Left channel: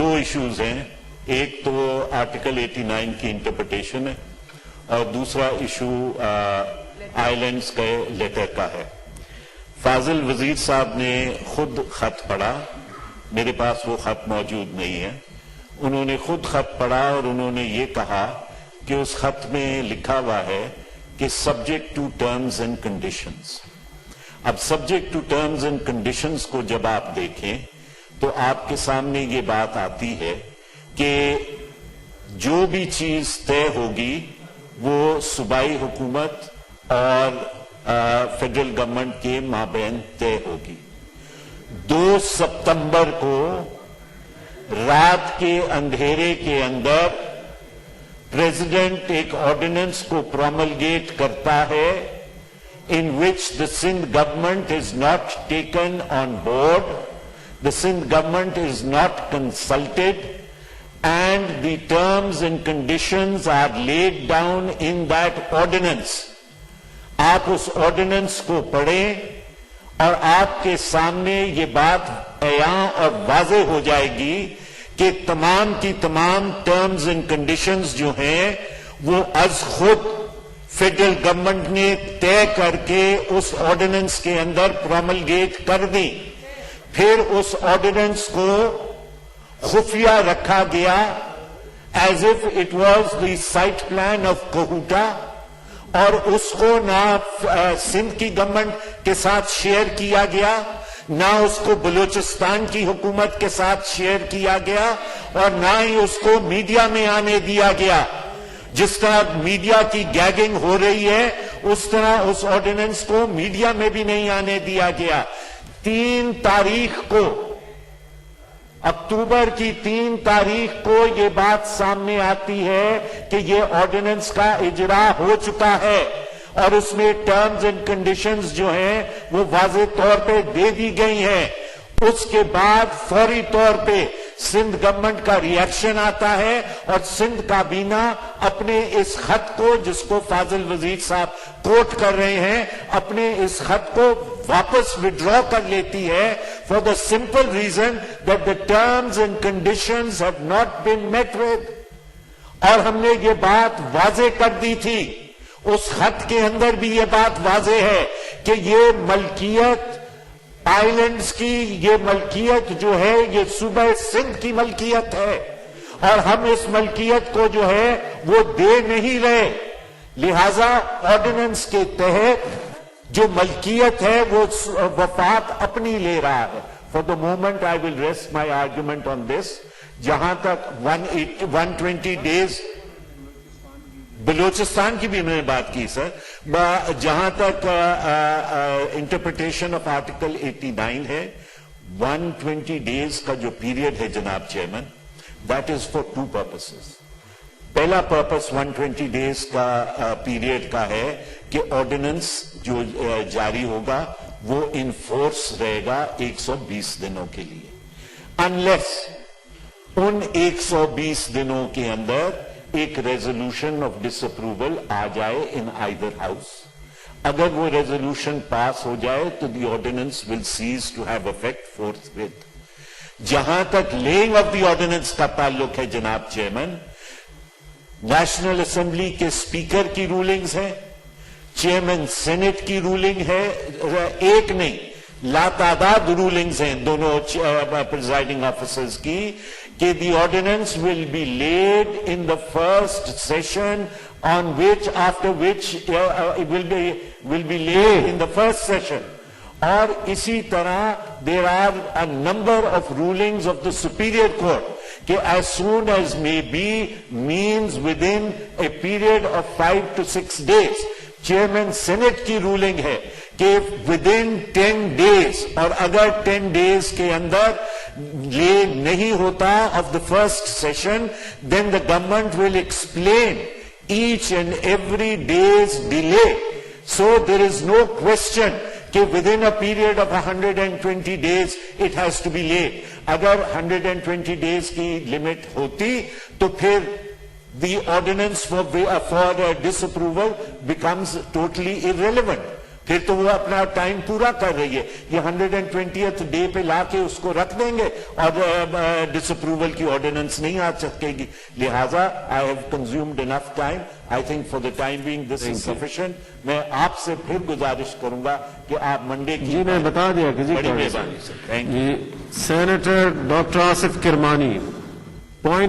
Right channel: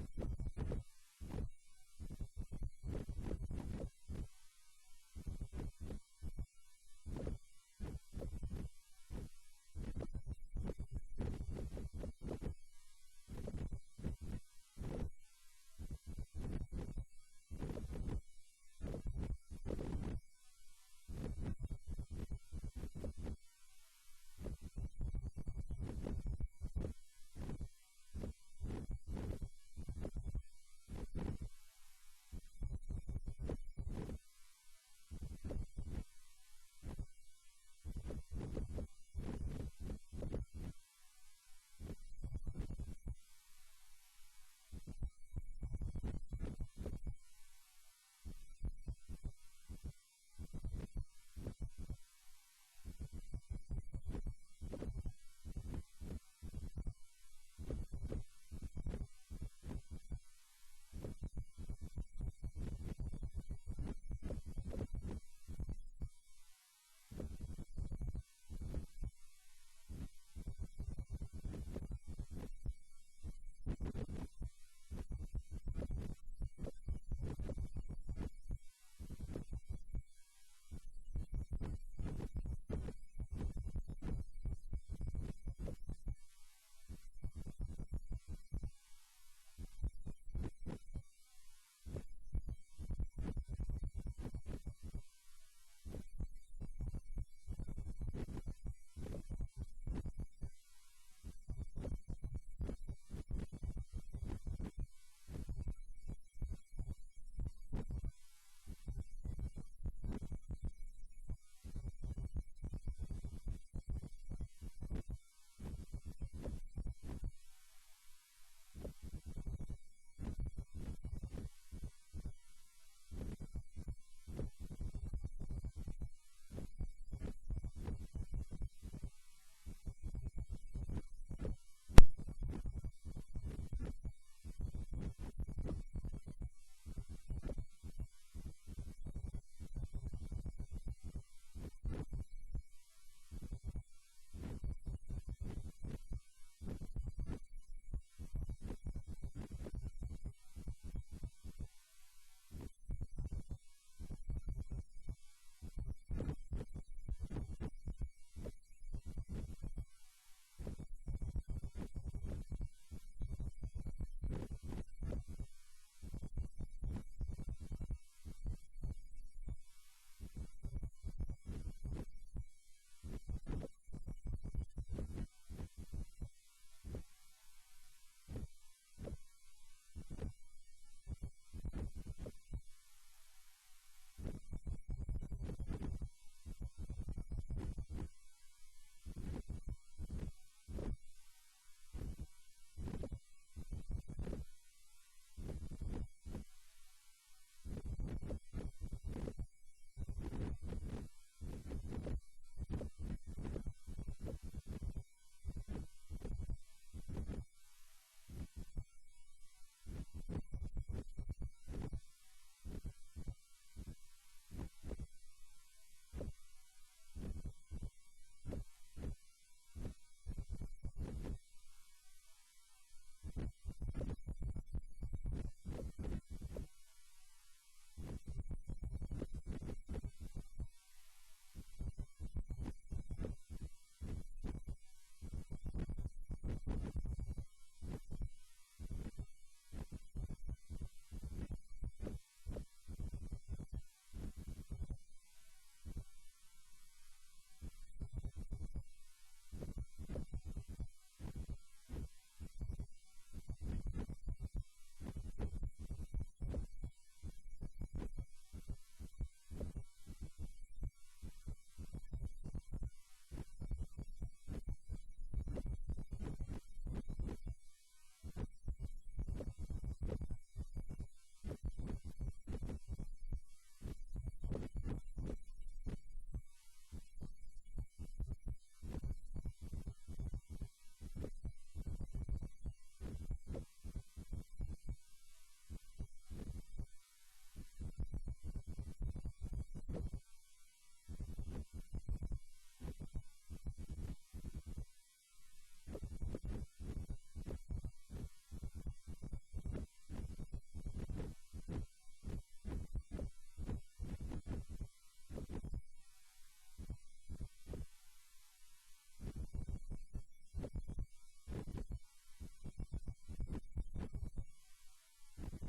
دو issues ہیں. ایک تو آرٹیکل 89 کی انٹرپریٹیشن ہے اور دوسرا ایشو آئیلینڈز کے لیٹر کا ہے. فاضل وزیر صاحب نے خود خط پڑھا, میرے پاس وہ خط موجود نہیں ہے. انہوں نے خود خط پڑھا اور انہوں نے یہ کہا کہ اس خط میں لکھا ہوا ہے کہ subject to terms and conditions. اب subject to terms and conditions کو جب آپ دیکھیں تو آپ کے سامنے یہ بات آتی ہے کہ جو بھی چیز طے ہوگی وہ صوبائی حکومت اور فیڈرل گورنمنٹ کے مابین طے ہوگی. 2 ستمبر کو رات کے اندھیرے کے اندر پریزیڈنٹ ایک آرڈیننس کو پروملگیٹ کرتا ہے in which the Sindh government is not taken on board, the Sindh government is not consulted, and the terms and conditions are laid down in that ordinance. آپ اس آرڈیننس کو پڑھیں اور آپ کے سامنے یہ بات عیاں اور واضح ہو جائے گی کہ تمام کی تمام ٹرمز اینڈ کنڈیشنز جو ہیں وہ از خود فیڈرل گورنمنٹ نے طے کر کے اس آرڈیننس کے اندر پروملگیٹ کر دی. پھر اس آرڈیننس کو خفیہ رکھا گیا as if it was the site plan of Kahuta, اور اس کو نہ سندھ کی گورنمنٹ کے ساتھ شیئر کیا گیا, نہ اس کو بلوچستان کی حکومت کے ساتھ شیئر کیا گیا, اور نہ ہی اس کو میڈیا میں آنے دیا گیا. جس طرح میڈیا کی گیگنگ ہو رہی ہے اس طرح اس آرڈیننس کو میڈیا میں بھی نہیں آنے دیا گیا. 3 تاریخ کو, اکتوبر کی 3 تاریخ کو یہ بات سامنے آتی ہے کہ یہ آرڈیننس کا اجرا ہو چکا ہے اور اس میں ٹرمز اینڈ کنڈیشنز جو ہیں وہ واضح طور پہ دے دی گئی ہیں. اس کے بعد فوری طور پہ سندھ گورنمنٹ کا ریئیکشن آتا ہے اور سندھ کابینہ اپنے اس خط کو, جس کو فاضل وزیر صاحب کوٹ کر رہے ہیں, اپنے اس خط کو واپس وڈرا کر لیتی ہے for the simple reason that the terms and conditions have not been met with. اور ہم نے یہ بات واضح کر دی تھی, اس خط کے اندر بھی یہ بات واضح ہے کہ یہ ملکیت آئیلینڈز کی, یہ ملکیت جو ہے یہ صوبہ سندھ کی ملکیت ہے اور ہم اس ملکیت کو جو ہے وہ دے نہیں رہے. لہذا آرڈیننس کے تحت جو ملکیت ہے وہ وفاق اپنی لے رہا ہے. For the moment I will rest my argument on this. جہاں تک 120 ڈیز بلوچستان کی بھی انہوں نے بات کی سر, جہاں تک انٹرپریٹیشن آف آرٹیکل 89 ہے, 120 ڈیز کا جو پیریڈ ہے جناب chairman, that is for 2 purposes. پہلا پرپس 120 ڈیز کا پیریڈ کا ہے کہ آرڈیننس جو جاری ہوگا وہ انفورس رہے گا 120 دنوں کے لیے, انلیس ان 120 دنوں کے اندر ایک ریزولوشن آف ڈس اپروول آ جائے ان آئیدر ہاؤس. اگر وہ ریزولوشن پاس ہو جائے تو the ordinance will cease to have effect forthwith ود. جہاں تک لیئنگ آف دی آرڈیننس کا تعلق ہے جناب چیئرمین, نیشنل اسمبلی کے اسپیکر کی رولنگز ہیں, چیئرمین سینٹ کی رولنگ ہے, ایک نہیں لاتعداد رولنگز ہیں دونوں پریزائڈنگ آفیسرز کی, کہ the ordinance will be laid in the first session on which, after which it will be laid in the first session. اور اسی طرح there are a number of rulings of the Superior Court کہ as soon as may be means within a period of 5 to 6 days. Chairman senate کی rolling ہے کہ within 10 days, اور اگر 10 days کے اندر یہ نہیں ہوتا of the first session, then the government will explain each and every day's delay. So there is no question کہ within a period of 120 days it has to be laid. اگر 120 days کی limit ہوتی تو پھر the ordinance for disapproval becomes totally irrelevant. پھر تو وہ اپنا ٹائم پورا کر رہی ہے. یہ 120th ڈے پہ لا کے اس کو رکھ دیں گے اور ڈس اپروول کی آرڈیننس نہیں آ سکے گی. لہٰذا I have consumed enough time. I think for the time being this is sufficient. میں آپ سے پھر گزارش کروں گا کہ آپ منڈے کی جی میں بتا دیا کہ بڑی مہربانی سے. Thank you. Senator doctor Asif Kirmani.